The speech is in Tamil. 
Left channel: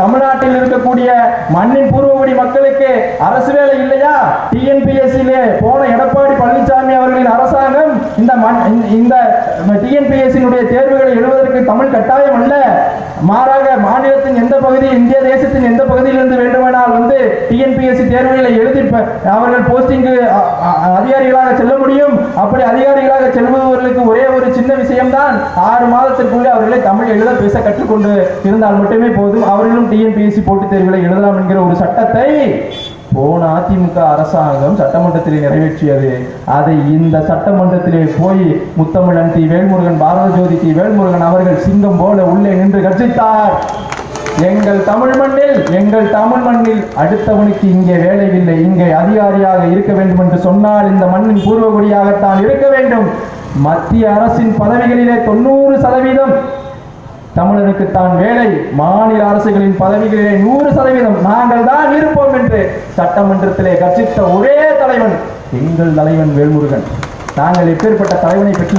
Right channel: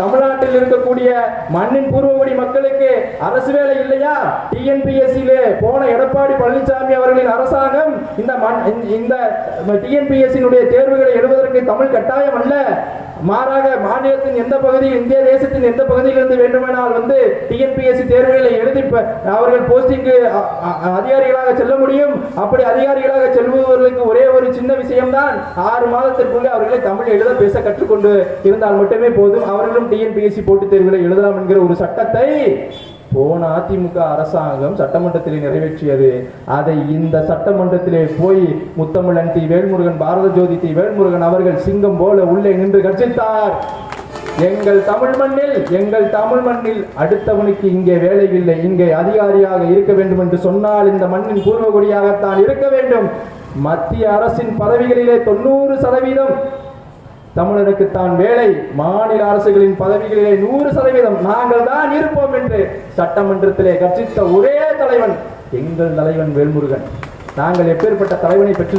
தமிழ்நாட்டில் இருக்கக்கூடிய மண்ணின் பூர்வகுடி மக்களுக்கு அரசு வேலை இல்லையா? டிஎன்பிஎஸ்சியிலே போன எடப்பாடி பழனிசாமி அவர்களின் அரசாங்கம் இந்த டிஎன்பிஎஸ்சியினுடைய தேர்வுகளை எழுதுவதற்கு தமிழ் கட்டாயம் அல்ல. மாறாக மாநிலத்தின் எந்த பகுதி, இந்திய தேசத்தின் எந்த பகுதியிலிருந்து வேண்டுமானால் டிஎன்பிஎஸ்சி தேர்வுகளை எழுதி அவர்கள் போஸ்டிங்கு அதிகாரிகளாக செல்ல முடியும். அப்படி அதிகாரிகளாக செல்பவர்களுக்கு ஒரே ஒரு சின்ன விஷயம்தான், 6 மாதத்திற்குள்ளே அவர்களை தமிழ் எழுத பேச கற்றுக்கொண்டு இருந்தால் மட்டுமே போதும், அவர்களும் டிஎன்பிஎஸ்சி போட்டித் தேர்வுகளை எழுதலாம் என்கிற ஒரு சட்டத்தை போன அதிமுக அரசாங்கம் சட்டமன்றத்தில் நிறைவேற்றியது. அதை இந்த சட்டமன்றத்திலே போய் முத்தமிழன் டி வேல்முருகன், பாரத ஜோதி டி வேல்முருகன் அவர்கள் சிங்கம் போல உள்ளே நின்று கர்ஜித்தார். எங்கள் தமிழ் மண்ணில் அடுத்தவனுக்கு இங்கே வேலை இல்லை, இங்கே அதிகாரியாக இருக்க வேண்டும் என்று சொன்னால் இந்த மண்ணின் பூர்வகுடியாகத்தான் இருக்க வேண்டும். மத்திய அரசின் பதவிகளிலே 90% தமிழருக்கு தான் வேலை, மாநில அரசுகளின் பதவிகளிலே 100% நாங்கள் தான் இருப்போம் என்று சட்டமன்றத்திலே கர்ஜித்த ஒரே தலைவன் எங்கள் தலைவன் வேல்முருகன். நாங்கள் எப்பேற்பட்ட தலைவனை பெற்று